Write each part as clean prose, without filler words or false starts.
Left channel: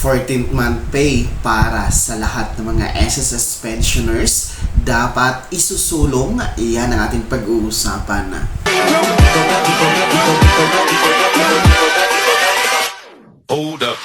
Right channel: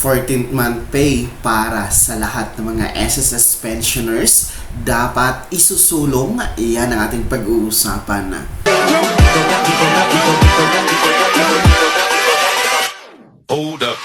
14th month pay para sa lahat ng mga SSS pensioners dapat isusulong. Iyan ang ating pag-uusapan. Hold up.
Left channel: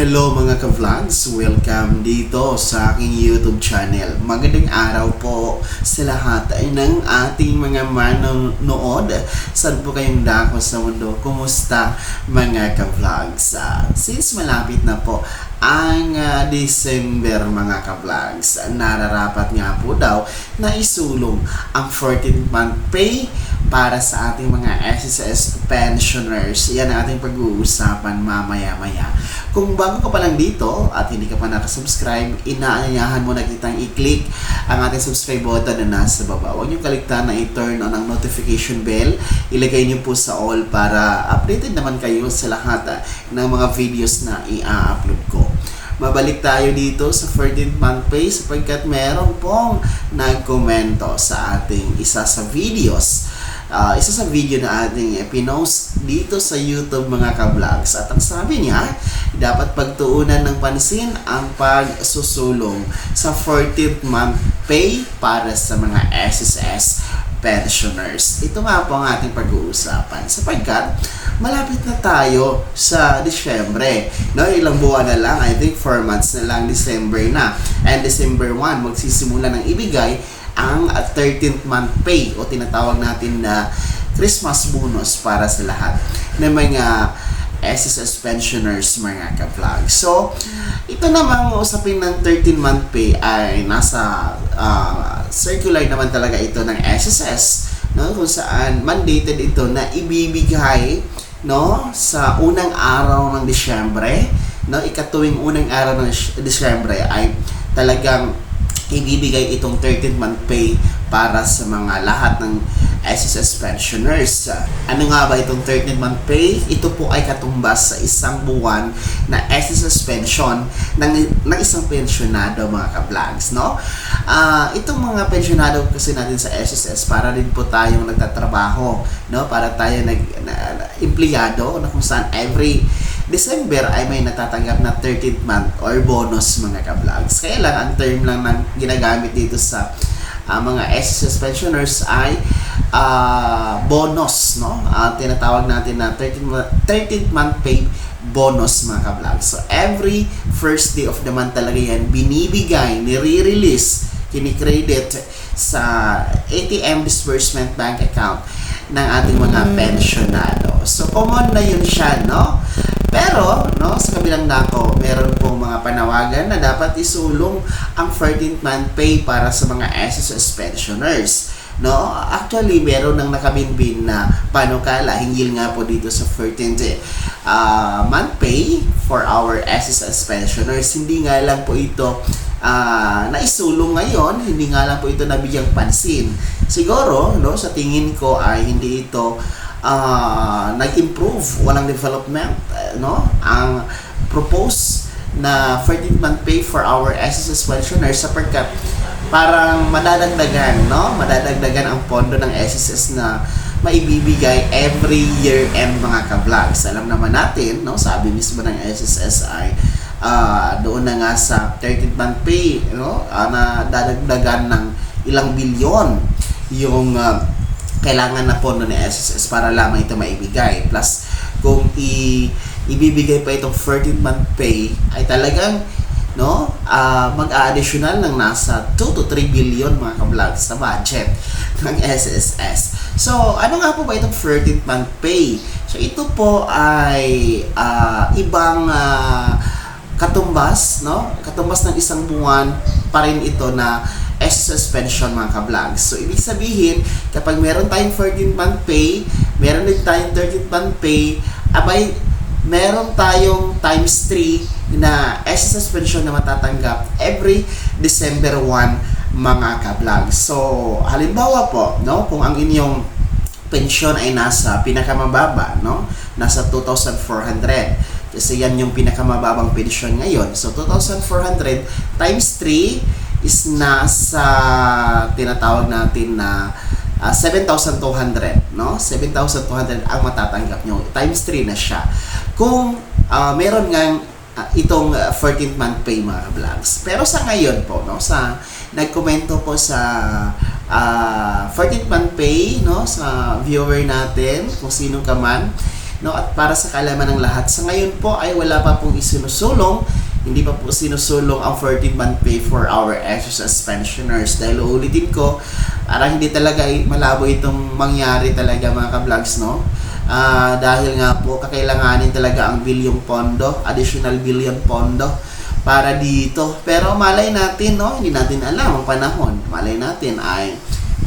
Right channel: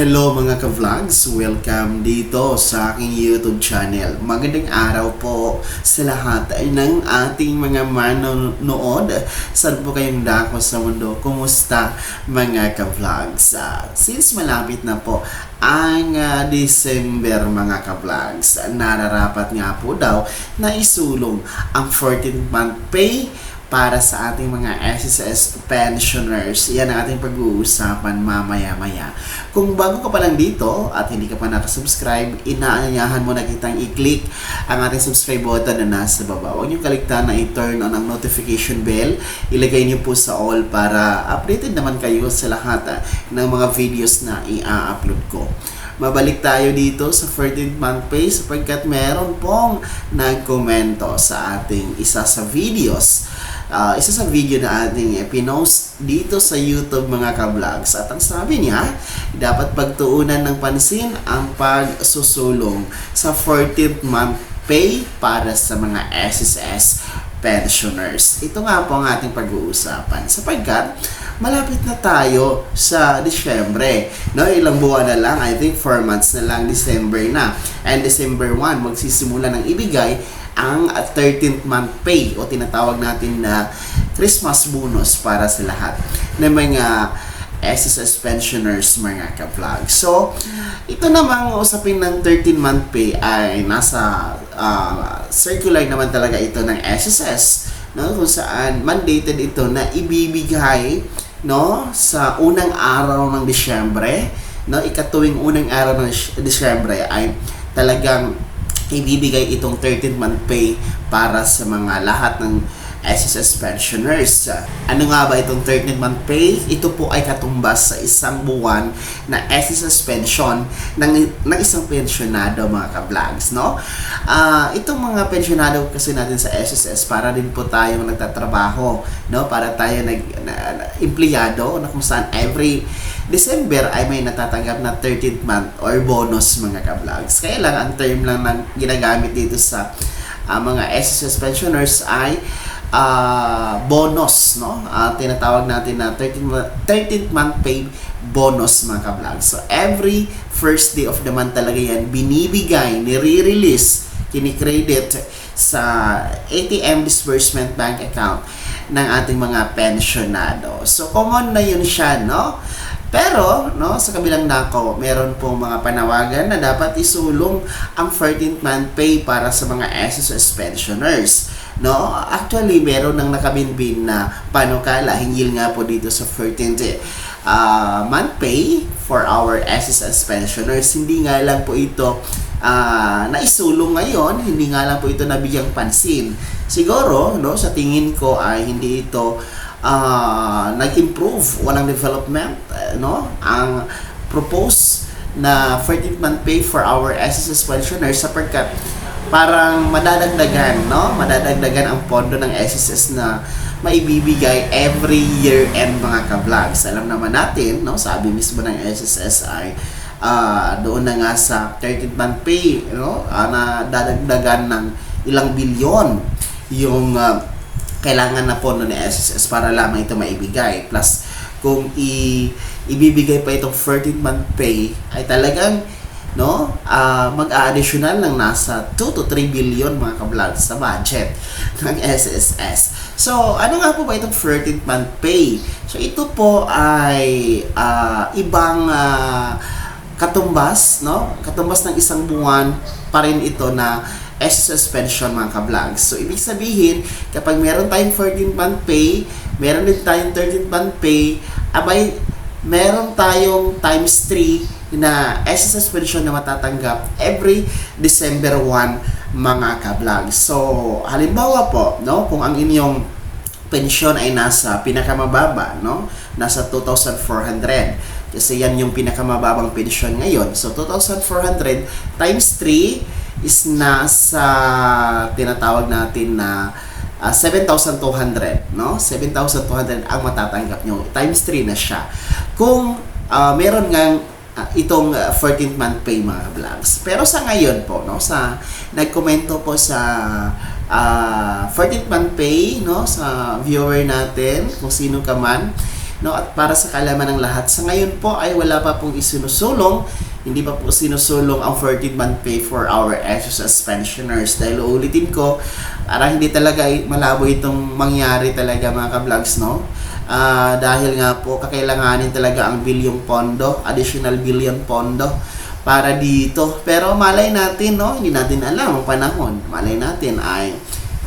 Hello mga ka-vlogs! Welcome dito sa aking YouTube channel. Magandang araw po sa lahat ng ating mga manonood. Saan po kayong dako sa mundo? Kumusta mga ka-vlogs? Since malapit na po ang December mga ka-vlogs, nararapat nga po daw na isulong ang 14th month pay para sa ating mga SSS pensioners. Yan ang ating pag-uusapan mamaya-maya. Kung bago ka pa lang dito at hindi ka pa nakasubscribe, inaanyayahan mo na kitang i-click ang ating subscribe button na nasa baba. Huwag niyo kaligtaan na i-turn on ang notification bell. Ilagay niyo po sa all para updated naman kayo sa lahat ng mga videos na i-upload ko. Mabalik tayo dito sa 14th month pay sapagkat meron pong nagkomento sa ating isa sa videos. Isa sa video na ating pinost dito sa YouTube mga ka-vlogs, at ang sabi niya, dapat pagtuunan ng pansin ang pagsusulong sa 14th month pay para sa mga SSS pensioners. Ito nga po ang ating pag-uusapan sapagkat malapit na tayo sa Disyembre. No, ilang buwan na lang, I think 4 months na lang, December na. And December 1, magsisimula ng ibigay ang 13th month pay o tinatawag natin na Christmas bonus para sa lahat ng mga SSS pensioners mga ka-vlog. So, ito namang usapin ng 13th month pay ay nasa circular naman talaga ito ng SSS, no, kung saan mandated ito na ibibigay, no, sa unang araw ng Disyembre, no, ikatuwing unang araw ng Disyembre ay talagang ibibigay itong 13th month pay para sa mga lahat ng SSS pensioners. Ano nga ba itong 13th month pay? Ito po ay katumbas sa isang buwan na SSS pension ng isang pensionado mga ka-vlogs, no? Itong mga pensionado kasi natin sa SSS, para din po tayong nagtatrabaho, no? Para tayo empleyado na kung saan every December ay may natatanggap na 13th month or bonus mga ka-vlogs. Kaya lang, ang term lang na ginagamit dito sa mga SSS pensioners ay bonus, no? Tinatawag natin na 13th month pay bonus mga ka-vlogs. So, every first day of the month talaga yan binibigay, nire-release, kinikredit sa ATM disbursement bank account ng ating mga pensionado. So, common na yun siya, no? Pero, no, sa kabilang dako, meron pong mga panawagan na dapat isulong ang 14th month pay para sa mga SSS pensioners. No, actually, meron nang nakabinbin na panukala hinggil nga po dito sa 14th month pay for our SSS pensioners. Hindi nga lang po ito naisulong ngayon, hindi nga lang po ito nabigyang pansin. Siguro, no, sa tingin ko ay hindi ito nag-improve, walang development, no? Ang propose na 14th month pay for our SSS pensioners sapagkat parang madadagdagan, no? Madadagdagan ang pondo ng SSS na maibibigay every year end mga ka-vlogs. Alam naman natin, no? Sabi mismo ng SSS ay doon na nga sa 13th month pay, no? Na dadagdagan ng ilang bilyon yung kailangan na pondo ng SSS para lamang ito maibigay. Plus, kung ibibigay pa itong 14th month pay, ay talagang, no, mag-a-additional ng nasa 2 to 3 billion mga ka-vlogs sa budget ng SSS. So, ano nga po ba itong 14th month pay? So, ito po ay ibang katumbas, no? Katumbas ng isang buwan pa rin ito na SSS pension mga ka-vlogs. So, ibig sabihin, kapag meron tayong 14th month pay, meron din tayong 13th month pay, abay, meron tayong times 3 na SSS pension na matatanggap every December 1 mga ka-vlogs. So, halimbawa po, no, kung ang inyong pensyon ay nasa pinakamababa, no, nasa 2,400. Kasi yan yung pinakamababang pensyon ngayon. So, 2,400 times 3 is nasa tinatawag natin na 7,200, no? 7,200 ang matatanggap nyo. Times 3 na siya. Kung meron ngang itong 14th month pay mga vlogs. Pero sa ngayon po, no, sa nagkomento po sa 14th month pay, no, sa viewer natin, kung sino ka man, no, at para sa kaalaman ng lahat, sa ngayon po ay wala pa pong isinusulong. Hindi pa po sinusulong ang 14th month pay for our SSS pensioners. Dahil uulitin ko, parang hindi talaga malabo itong mangyari talaga mga ka-vlogs, no? Dahil nga po, kakailanganin talaga ang bilyong pondo, additional billion pondo para dito. Pero malay natin, no? Hindi natin alam ang panahon. Malay natin ay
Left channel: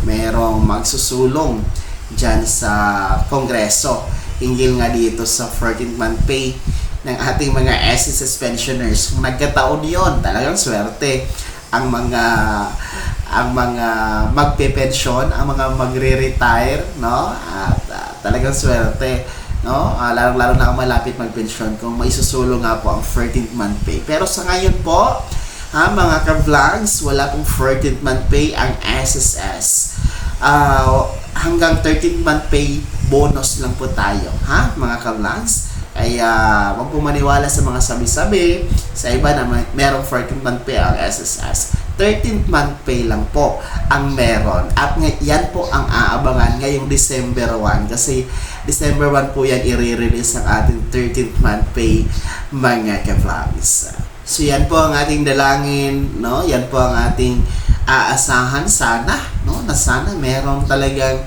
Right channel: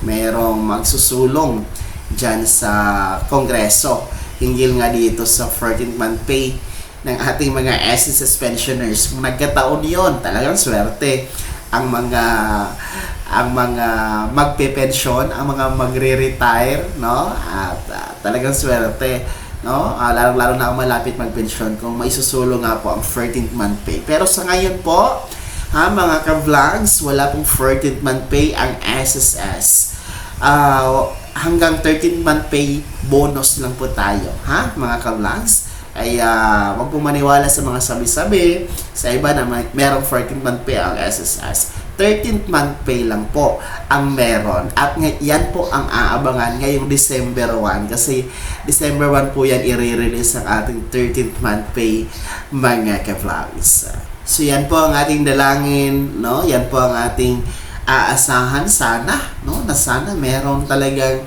merong magsusulong dyan sa Kongreso hinggil nga dito sa 14th month pay ng ating mga SSS pensioners. Kung nagkataon yon, talagang swerte ang mga magpe-pension, ang mga magre-retire, no? At talagang swerte, no? Lalo na kung malapit mag-pension kung may susulong nga po ang 14th month pay. Pero sa ngayon po, mga ka-vlogs, wala pong 14th month pay ang SSS. Hanggang 13th month pay bonus lang po tayo, mga ka-vlogs. Ay wag po maniwala sa mga sabi-sabi sa iba na merong 14th month pay ang SSS. 13th month pay lang po ang meron. At yan po ang aabangan ngayong December 1 kasi December 1 po yan i-release ang ating 13th month pay mga ka-vlogs. So yan po ang ating dalangin, no? Yan po ang ating aasahan sana, no? Na sana meron talagang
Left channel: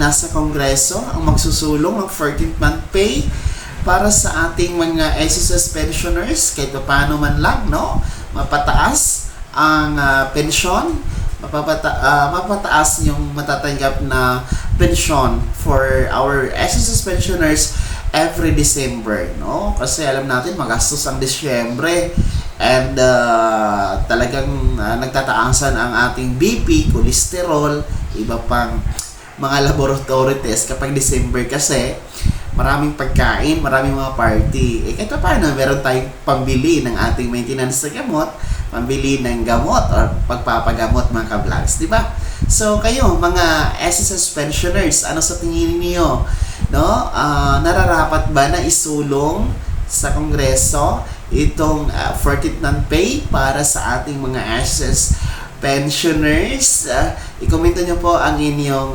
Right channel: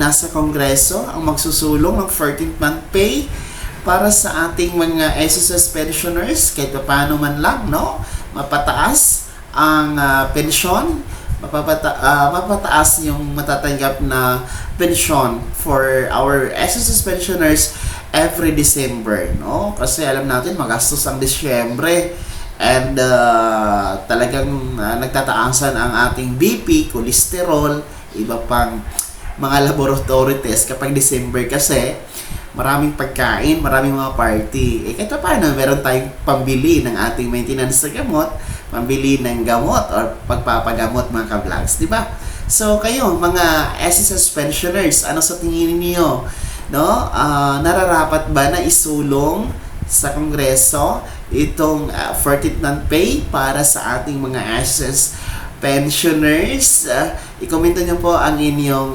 nasa Kongreso ang magsusulong ng 14th month pay para sa ating mga SSS pensioners, kahit paano man lang, no? Mapataas ang pensyon, mapataas yung matatanggap na pensyon for our SSS pensioners every December, no? Kasi alam natin magastos ang Disyembre and talagang nagtataasan ang ating BP, cholesterol, iba pang mga laboratory test kapag December kasi maraming pagkain, maraming mga party. Kahit paano, meron tayong pambili ng ating maintenance na gamot, pambili ng gamot or pagpapagamot mga ka-vlogs, di ba? So kayo, mga SSS pensioners, ano sa tingin niyo? No? Nararapat ba na isulong sa Kongreso itong 14th month pay para sa ating mga SSS pensioners? I-komento nyo po ang inyong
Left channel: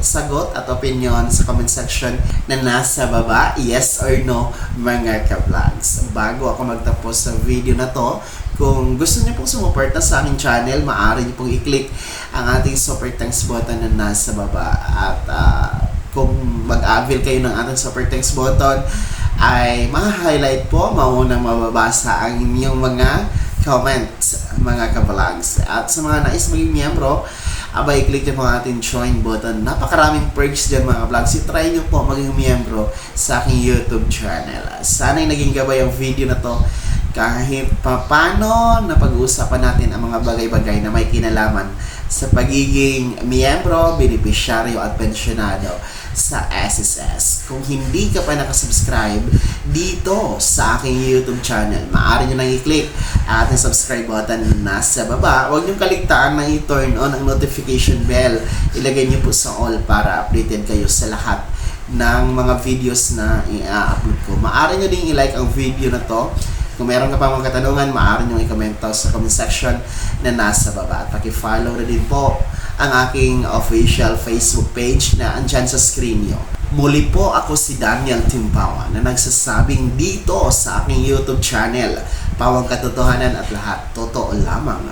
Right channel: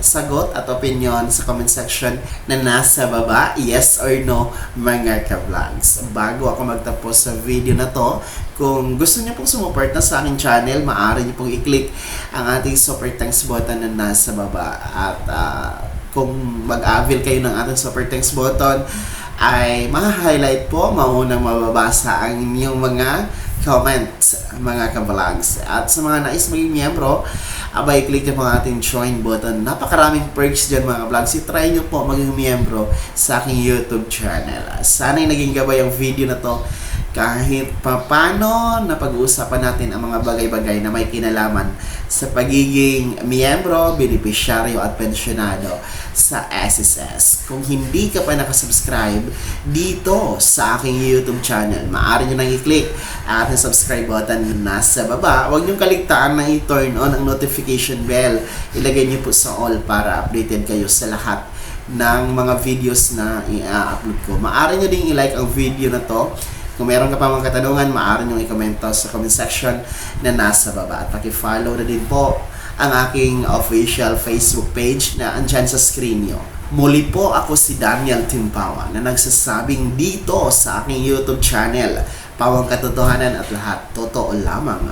sagot at opinion sa comment section na nasa baba, yes or no mga ka-vlogs. Bago ako magtapos sa video na to, kung gusto niyo pong sumuporta sa aking channel, maaari niyo pong i-click ang ating super thanks button na nasa baba. At kung mag-avail kayo ng ating super thanks button, ay ma-highlight po, maunang mababasa ang inyong mga comments mga ka-vlogs. At sa mga nais maging miyembro, abay click nyo po ang ating join button. Napakaraming perks dyan mga ka-vlogs. I-try nyo po maging miyembro sa aking YouTube channel. Sana'y naging gabay ang video na to kahit papano na pag-uusapan natin ang mga bagay-bagay na may kinalaman sa pagiging miyembro, benepisyaryo at pensyonado sa SSS. Kung hindi ka pa nakasubscribe dito sa aking YouTube channel, maaari nyo nang i-click ang ating subscribe button na nasa baba. Huwag nyo kaligtaan na i-turn on ang notification bell. Ilagay nyo po sa all para updated kayo sa lahat ng mga videos na i-upload ko. Maaari nyo din i-like ang video na to. Kung meron ka pa mga katanungan, maaari nyo i-comment sa comment section na nasa baba. At paki-follow na din po ang aking official Facebook page na andyan sa screen nyo. Muli po ako si Daniel Timpawa na nagsasabing dito sa aking YouTube channel, Pawang Katotohanan at lahat totoo lamang.